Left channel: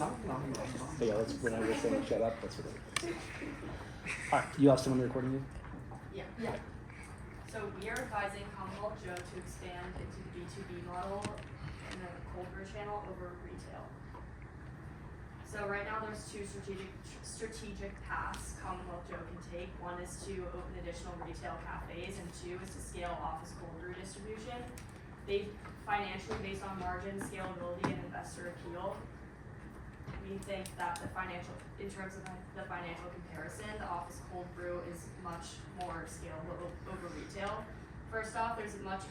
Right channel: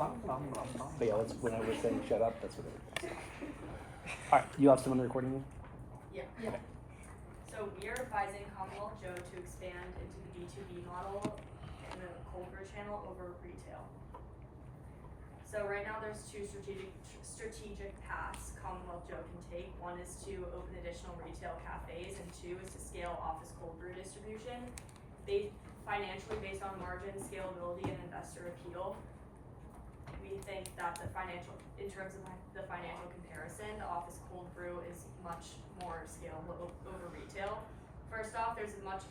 Yeah, that's when I was saying shut up. That's what it is. You have someone recording you? Yeah. So we are advising Commonwealth Joe to expand into the B2B model in the cold brew channel over retail. So right now there's two strategic paths Commonwealth Joe can take. One is to open additional retail cafes, and two is to scale office cold brew distribution. They financially based on margin, scalability, and investor appeal. We think that in terms of the financial comparison, the office cold brew is much more scalable over retail. First off, there's a much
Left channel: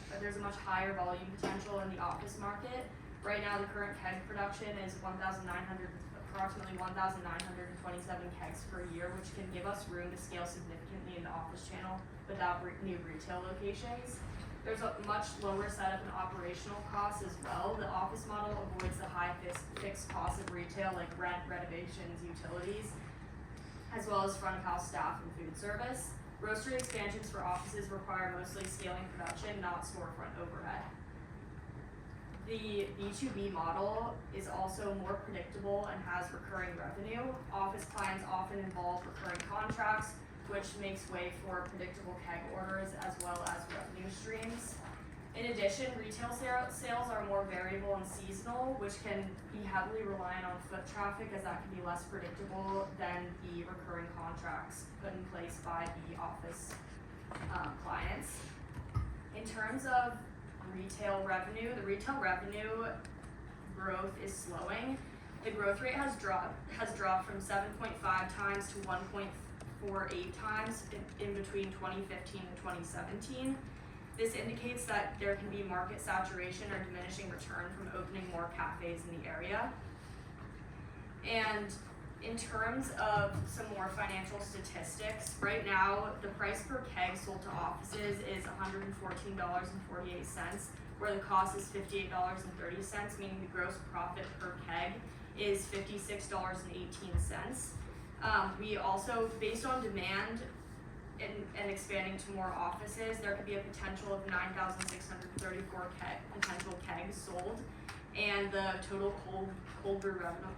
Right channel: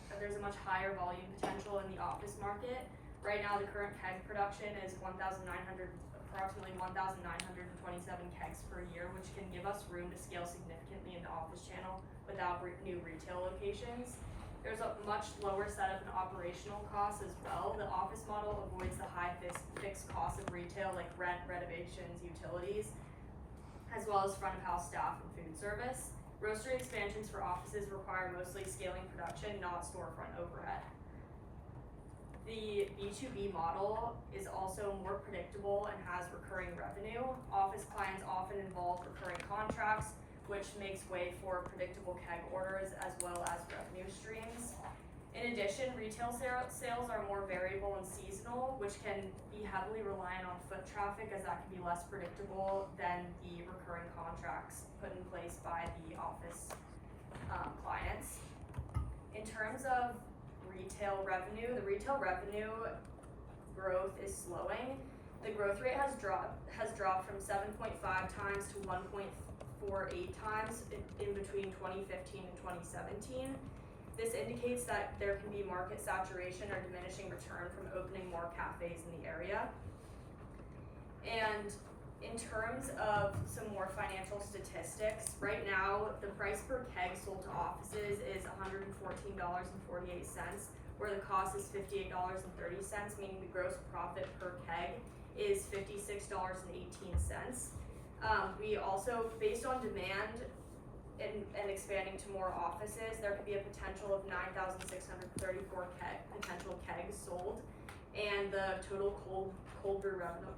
higher volume potential in the office market. Right now, the current keg production is approximately 1,927 kegs per year, which can give us room to scale significantly in the office channel without new retail locations. There's a much lower setup and operational costs as well. The office model avoids the high fixed costs of retail like rent, renovations, utilities, as well as front of house staff and food service. Roastery expansions for offices require mostly scaling production, not storefront overhead. The B2B model is also more predictable and has recurring revenue. Office clients often involve recurring contracts, which makes way for predictable keg orders as well as revenue streams. In addition, retail sales are more variable and seasonal, which can be heavily reliant on foot traffic, as that can be less predictable than the recurring contracts put in place by the office clients. In terms of retail revenue, the retail revenue growth is slowing. The growth rate has dropped from 7.5 times to 1.48 times in between 2015 and 2017. This indicates that there can be market saturation or diminishing return from opening more cafes in the area. And in terms of some more financial statistics, right now the price per keg sold to offices is $114.48, where the cost is $58.30, meaning the gross profit per keg is $56.18. We also, based on demand and expanding to more offices, there could be a potential of 9,634 potential kegs sold, and the total cold brew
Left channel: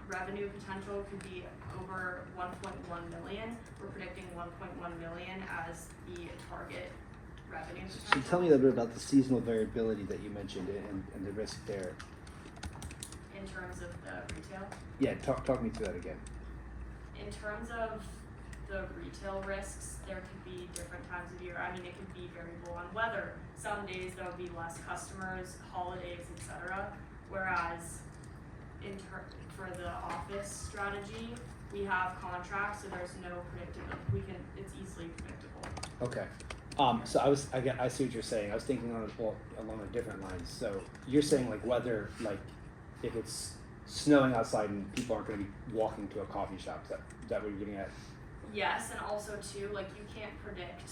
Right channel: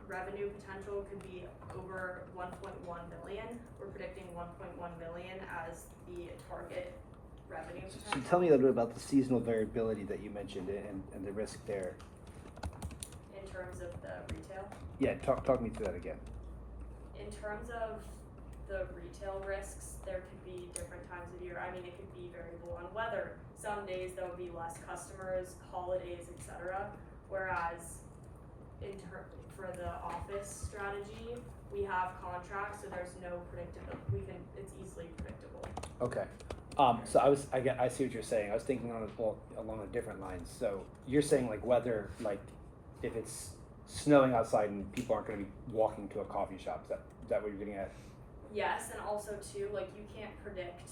revenue potential could be over 1.1 million. We're predicting 1.1 million as the target revenue potential. So tell me a little bit about the seasonal variability that you mentioned and the risk there. In terms of the retail? Yeah, talk me through that again. In terms of the retail risks, there could be different times of year. I mean, it could be variable on weather. Some days there will be less customers, holidays, etc. Whereas for the office strategy, we have contracts, so there's no predictability. It's easily predictable. Okay. So I see what you're saying. I was thinking along a different lines. So you're saying like weather, like if it's snowing outside and people aren't going to be walking to a coffee shop. Is that what you're getting at? Yes, and also too, like you can't predict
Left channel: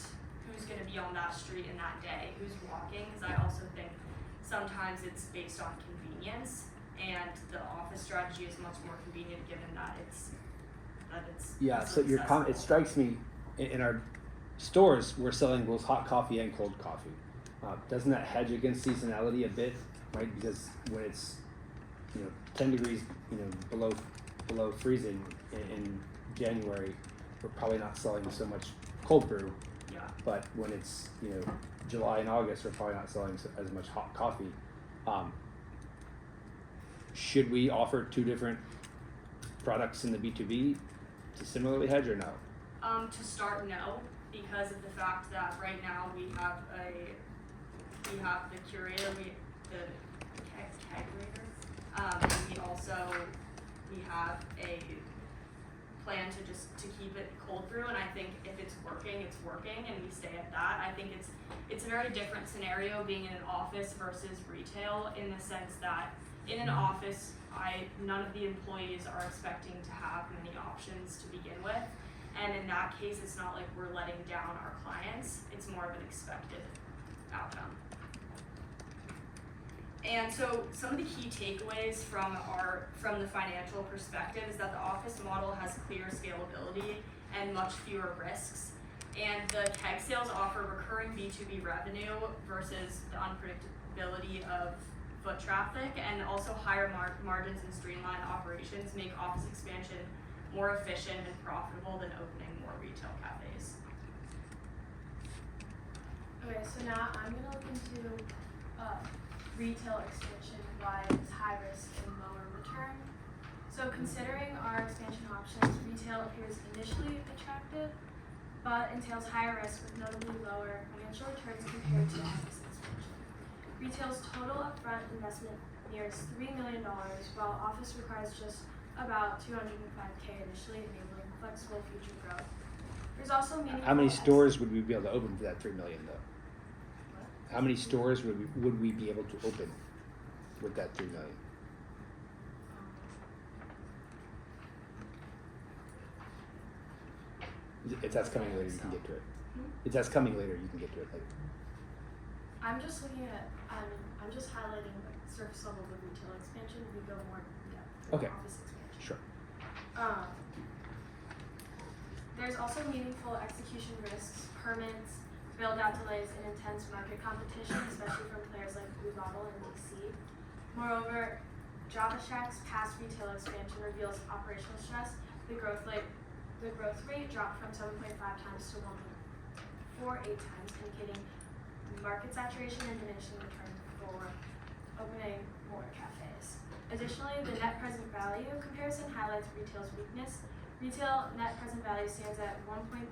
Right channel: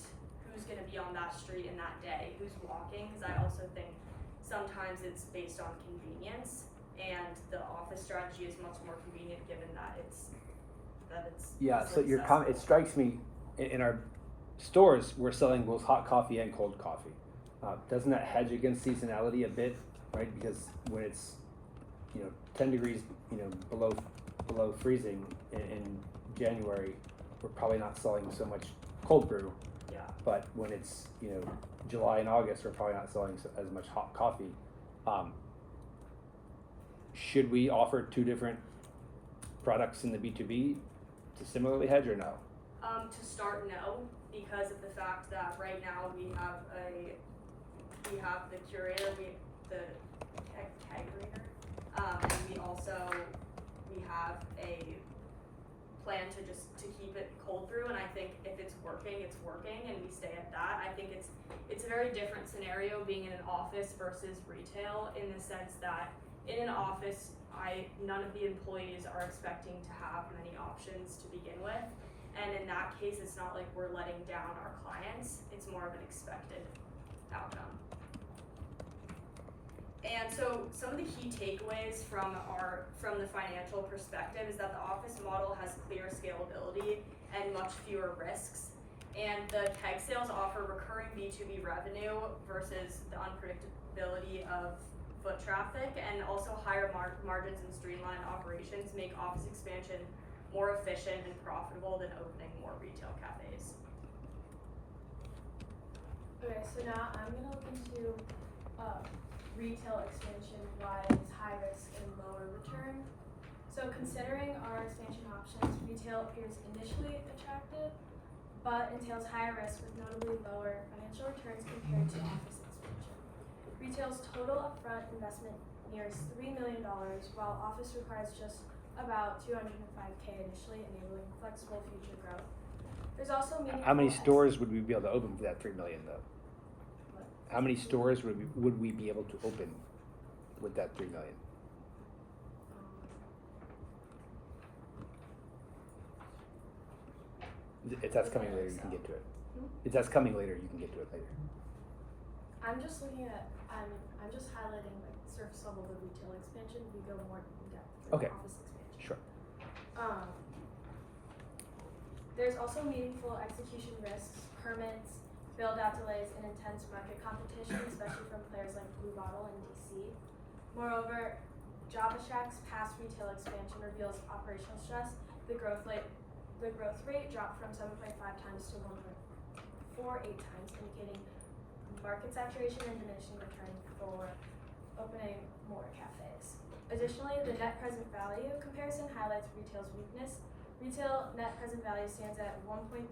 who's going to be on that street in that day, who's walking, because I also think sometimes it's based on convenience, and the office strategy is much more convenient given that it's yeah. So it strikes me in our stores we're selling both hot coffee and cold coffee. Doesn't that hedge against seasonality a bit, right? Because when it's 10 degrees below freezing in January, we're probably not selling so much cold brew. Yeah. But when it's July and August, we're probably not selling as much hot coffee. Should we offer two different products in the B2B to similarly hedge or no? To start, no, because of the fact that right now we have the curator, the kegerator, and we have a plan to keep it cold brew, and I think if it's working, and we stay at that. I think it's a very different scenario being in an office versus retail, in the sense that in an office, none of the employees are expecting to have many options to begin with, and in that case, it's not like we're letting down our clients. It's more of an expected outcome. And so some of the key takeaways from the financial perspective is that the office model has clear scalability and much fewer risks. And the keg sales offer recurring B2B revenue versus the unpredictability of foot traffic, and also higher margins and streamlined operations acquisitions make office expansion more efficient and profitable than opening more retail cafes. Okay, so now I'm gonna look into retail expansion, why it's high risk and lower return. So considering our expansion options, retail appears initially attractive, but entails higher risk with notably lower financial returns compared to office expansion. Retail's total upfront investment nears $3 million, while office requires just about $205K initially, enabling flexible future growth. There's also meaningful. How many stores would we be able to open for that $3 million though? How many stores would we be able to open with that $3 million? If that's coming later, you can get to it. If that's coming later, you can get to it later. I'm just looking at, I'm just highlighting like surface level of retail expansion. We go more in depth for Okay. office expansion. Sure. There's also meaningful execution risks, permits, build-out delays, and intense market competition, especially from players like Blue Bottle and DC. Moreover, JavaShack's past retail expansion reveals operational stress. The growth rate dropped from 7.5 times to 1.48 times, indicating market saturation and diminishing return for opening more cafes. Additionally, the net present value comparison highlights retail's weakness. Retail net present value stands at $1.34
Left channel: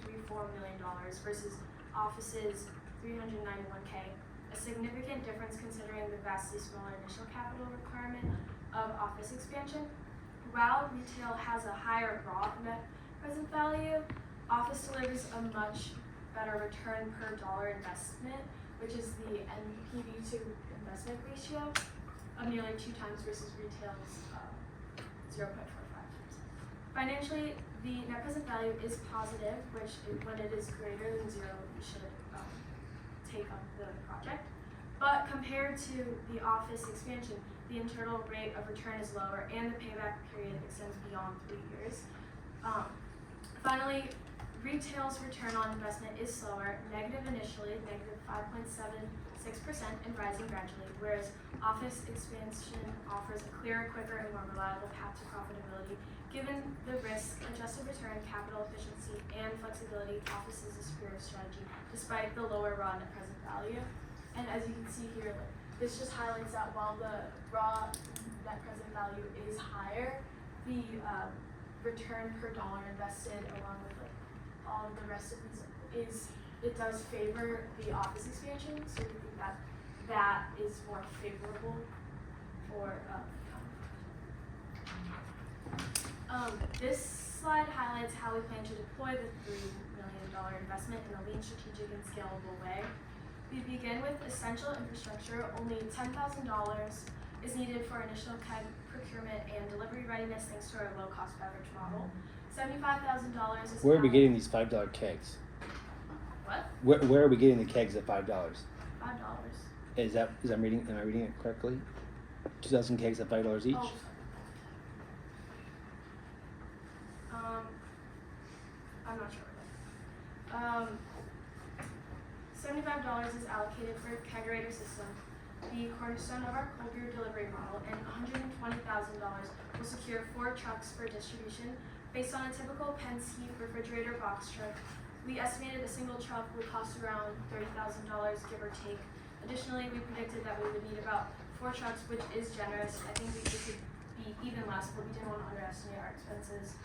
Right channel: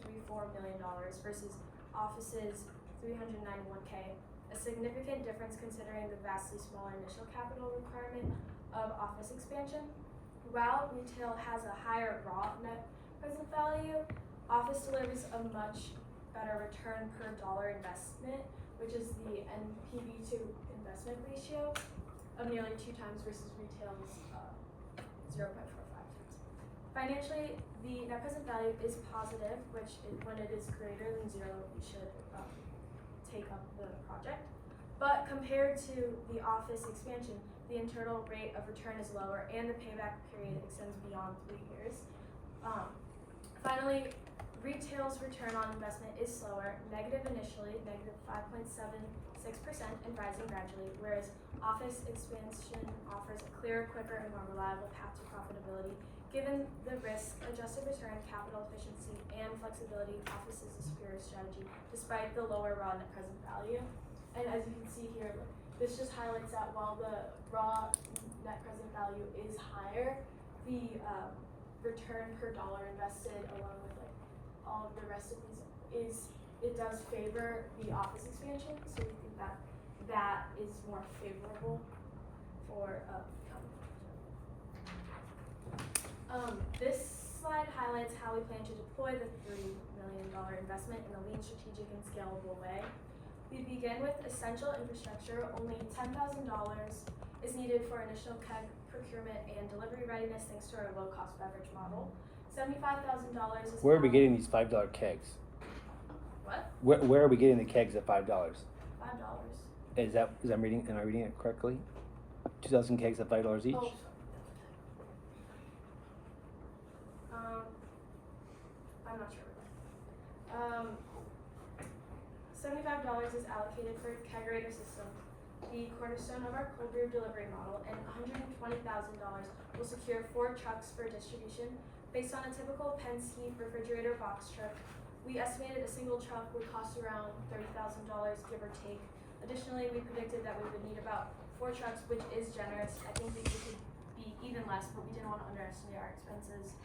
million versus office's $391K, a significant difference considering the vastly smaller initial capital requirement of office expansion. While retail has a higher raw net present value, office delivers a much better return per dollar investment, which is the NPV to investment ratio of nearly 2 times versus retail's 0.45 times. Financially, the net present value is positive, which when it is greater than 0, we should take up the project. But compared to the office expansion, the internal rate of return is lower and the payback period extends beyond 3 years. Finally, retail's return on investment is slower, negative initially, negative 5.76% and rising gradually, whereas office expansion offers a clearer, quicker, and more reliable path to profitability. Given the risk-adjusted return, capital efficiency, and flexibility, office is a superior strategy despite the lower raw net present value. And as you can see here, this just highlights that while the raw net present value is higher, the return per dollar invested along with like all of the rest of these it does favor the office expansion, so we think that that is more favorable for this slide highlights how we plan to deploy the $3 million investment in a lean, strategic, and scalable way. We begin with essential infrastructure. Only $10,000 is needed for initial procurement and delivery readiness thanks to our low-cost beverage model. $75,000 is Where are we getting these $5 kegs? What? Where are we getting the kegs at $5? $5. Am I reading it correctly? 2,000 kegs at $5 each? Oh. I'm not sure. $75 is allocated for a kegerator system, the cornerstone of our cold brew delivery model, and $120,000 will secure 4 trucks for distribution. Based on a typical Penske refrigerator box truck, we estimated a single truck would cost around $30,000, give or take. Additionally, we predicted that we would need about 4 trucks, which is generous. I think we could be even less, but we didn't want to underestimate our expenses.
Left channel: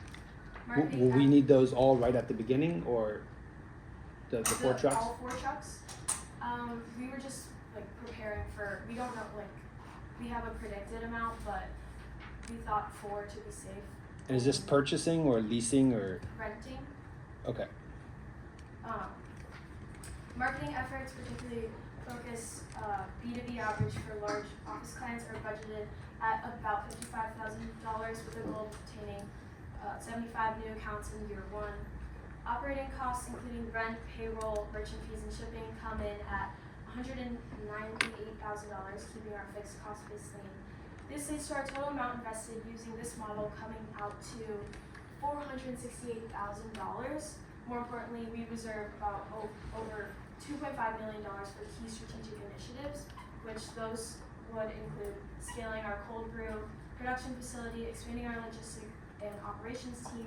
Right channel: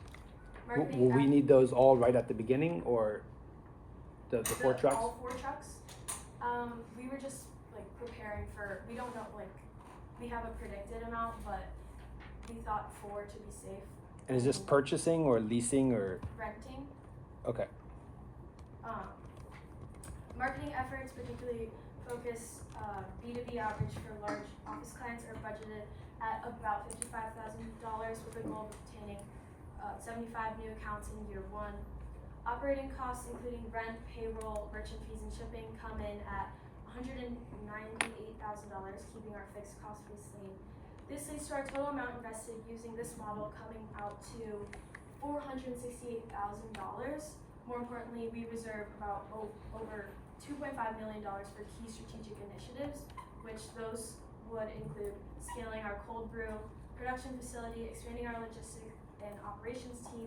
Will we need those all right at the beginning, or the 4 trucks? All 4 trucks. We were just like preparing for. We don't know, like we have a predicted amount, but we thought 4 to be safe. And is this purchasing or leasing or Renting? okay? Marketing efforts, particularly focus B2B outreach for large office clients, are budgeted at about $55,000 with the goal of obtaining 75 new accounts in year 1. Operating costs, including rent, payroll, merchant fees, and shipping, come in at $198,000, keeping our fixed cost base lean. This leads to our total amount invested using this model coming out to $468,000. More importantly, we reserve about over $2.5 million for key strategic initiatives, which those would include scaling our cold brew production facility, expanding our logistics and operations team,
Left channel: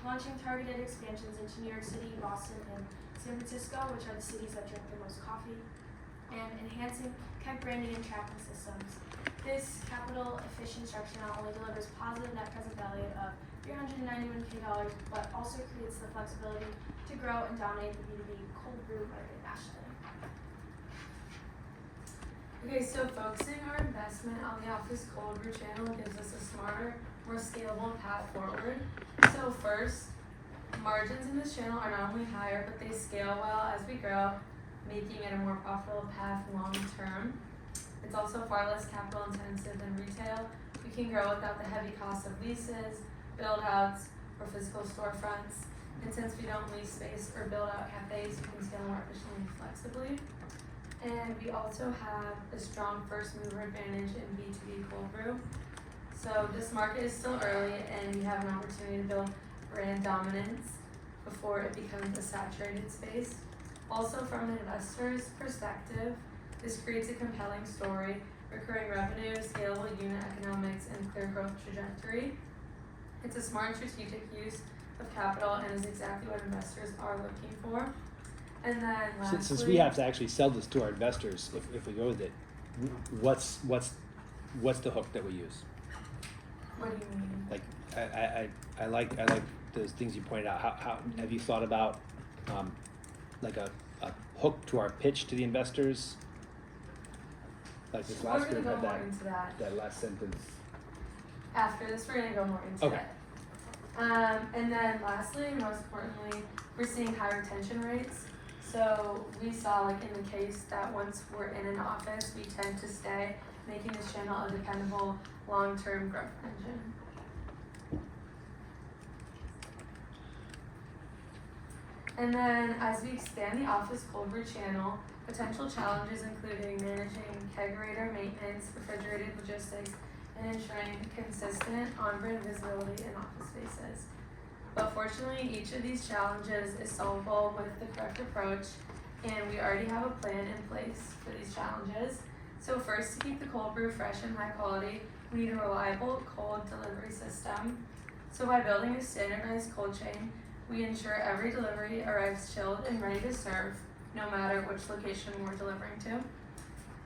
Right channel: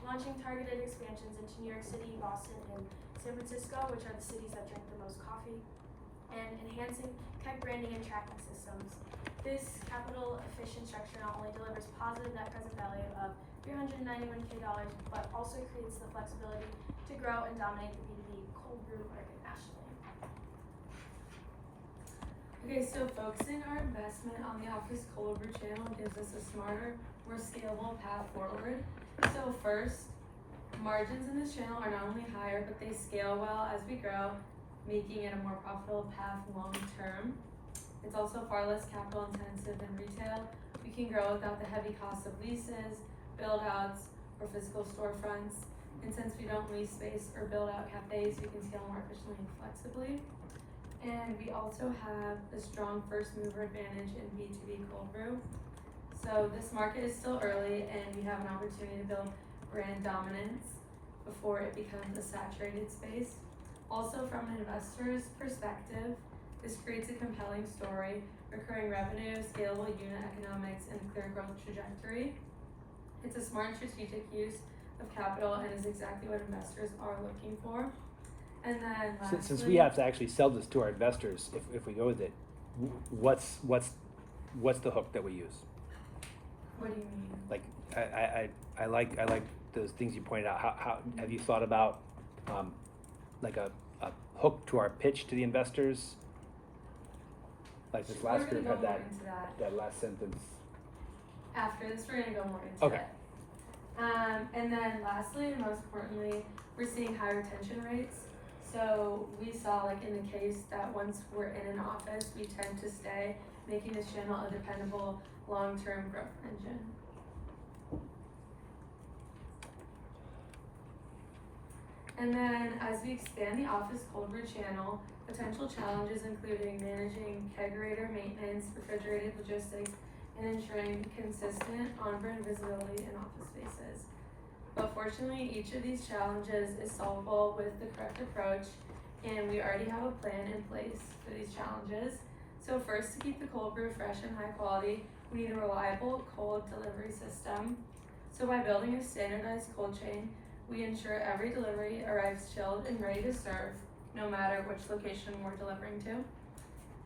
launching targeted expansions into New York City, Boston, and San Francisco, which are the cities that drink the most coffee, and enhancing keg branding and tracking systems. This capital efficient structure not only delivers positive net present value of $391K, but also creates the flexibility to grow and dominate the B2B cold brew market nationally. Okay, so focusing our investment on the office cold brew channel gives us a smarter, more scalable path forward. So first, margins in this channel are not only higher, but they scale well as we grow, making it a more profitable path long term. It's also far less capital intensive than retail. We can grow without the heavy cost of leases, build outs, or physical storefronts. And since we don't lease space or build out cafes, we can scale more efficiently and flexibly. And we also have a strong first mover advantage in B2B cold brew. So this market is still early and we have an opportunity to build brand dominance before it becomes a saturated space. Also from an investor's perspective, this creates a compelling story, recurring revenue, scalable unit economics, and a clear growth trajectory. It's a smart strategic use of capital and is exactly what investors are looking for. And then lastly, Since we have to actually sell this to our investors, if we go with it, what's the hook that we use? what do you mean? Like, I like those things you pointed out. How have you thought about like a hook to our pitch to the investors? Like this We're last gonna group go had more into that. that last sentence. After this, we're gonna go more into Okay. it. And then lastly, and most importantly, we're seeing higher retention rates. So we saw, like in the case that once we're in an office, we tend to stay, making this channel a dependable long-term growth engine. And then as we expand the office cold brew channel, potential challenges including managing kegerator maintenance, refrigerated logistics, and ensuring consistent on-brand visibility in office spaces. But fortunately, each of these challenges is solvable with the correct approach, and we already have a plan in place for these challenges. So first, to keep the cold brew fresh and high quality, we need a reliable cold delivery system. So by building a standardized cold chain, we ensure every delivery arrives chilled and ready to serve, no matter which location we're delivering to.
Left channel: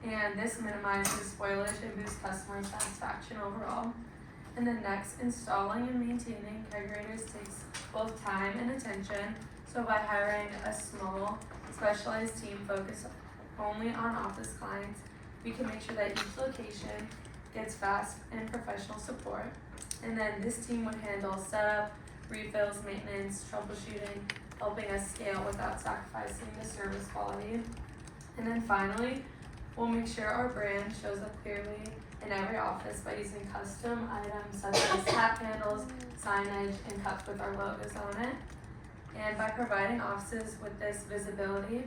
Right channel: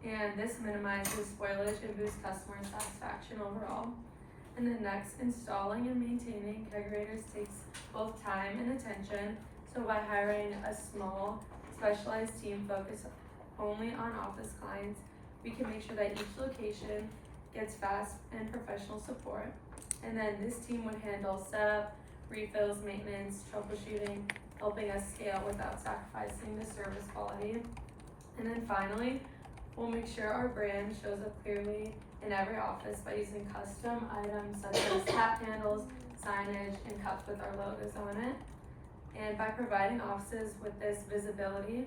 And this minimizes spoilage and boosts customer satisfaction overall. And then next, installing and maintaining kegerators takes both time and attention. So by hiring a small, specialized team focused only on office clients, we can make sure that each location gets fast and professional support. And then this team would handle setup, refills, maintenance, troubleshooting, helping us scale without sacrificing the service quality. And then finally, we'll make sure our brand shows up clearly in every office by using custom items such as tap handles, signage, and cups with our logos on it. And by providing offices with this visibility,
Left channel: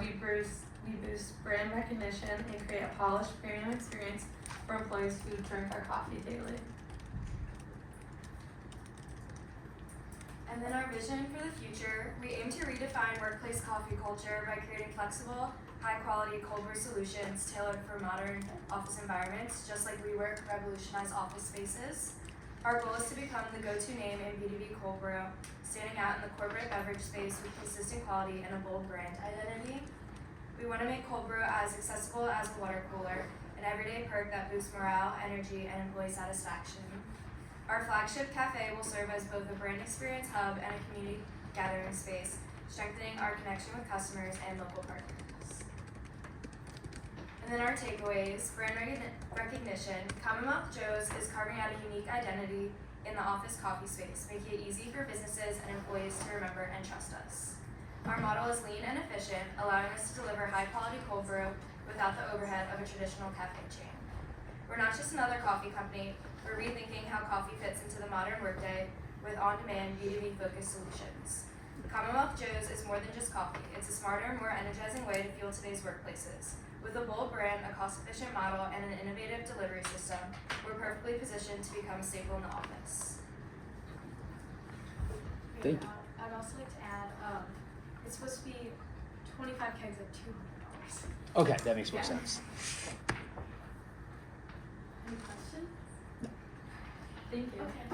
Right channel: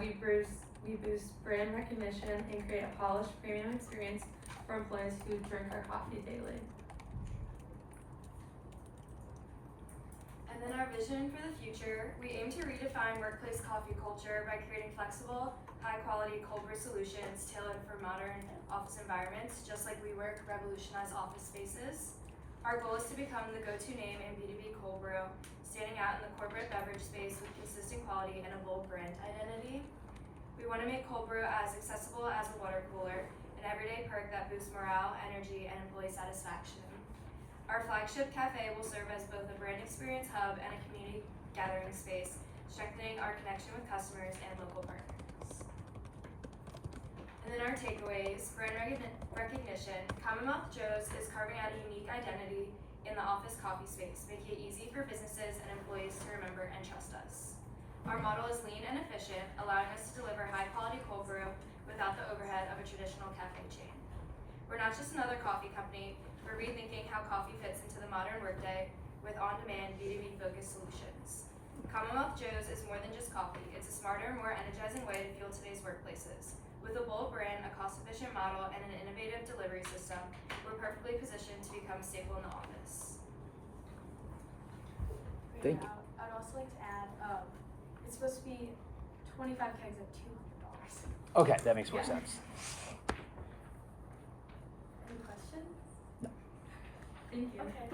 we boost brand recognition and create a polished premium experience for employees who drink our coffee daily. And then our vision for the future, we aim to redefine workplace coffee culture by creating flexible, high-quality cold brew solutions tailored for modern office environments, just like WeWork revolutionized office spaces. Our goal is to become the go-to name in B2B cold brew, standing out in the corporate beverage space with consistent quality and a bold brand identity. We want to make cold brew as accessible as a water cooler, an everyday perk that boosts morale, energy, and employee satisfaction. Our flagship cafe will serve as both a brand experience hub and a community gathering space, strengthening our connection with customers and local partners. And then our takeaways, brand recognition. Commonwealth Joe's is carving out a unique identity in the office coffee space, making it easy for businesses and employees to remember and trust us. Our model is lean and efficient, allowing us to deliver high-quality cold brew without the overhead of a traditional cafe chain. We're not just another coffee company, we're rethinking how coffee fits into the modern workday with on-demand B2B focused solutions. Commonwealth Joe's is more than just coffee, it's a smarter, more energizing way to fuel today's workplaces. With a bold brand, a cost-efficient model, and an innovative delivery system, we're perfectly positioned to become a staple in the office. Thank you. I'd also like to add, it's supposed to be 25 kegs at $200. Okay, that makes more Yeah. sense. Any questions? Thank you. Okay.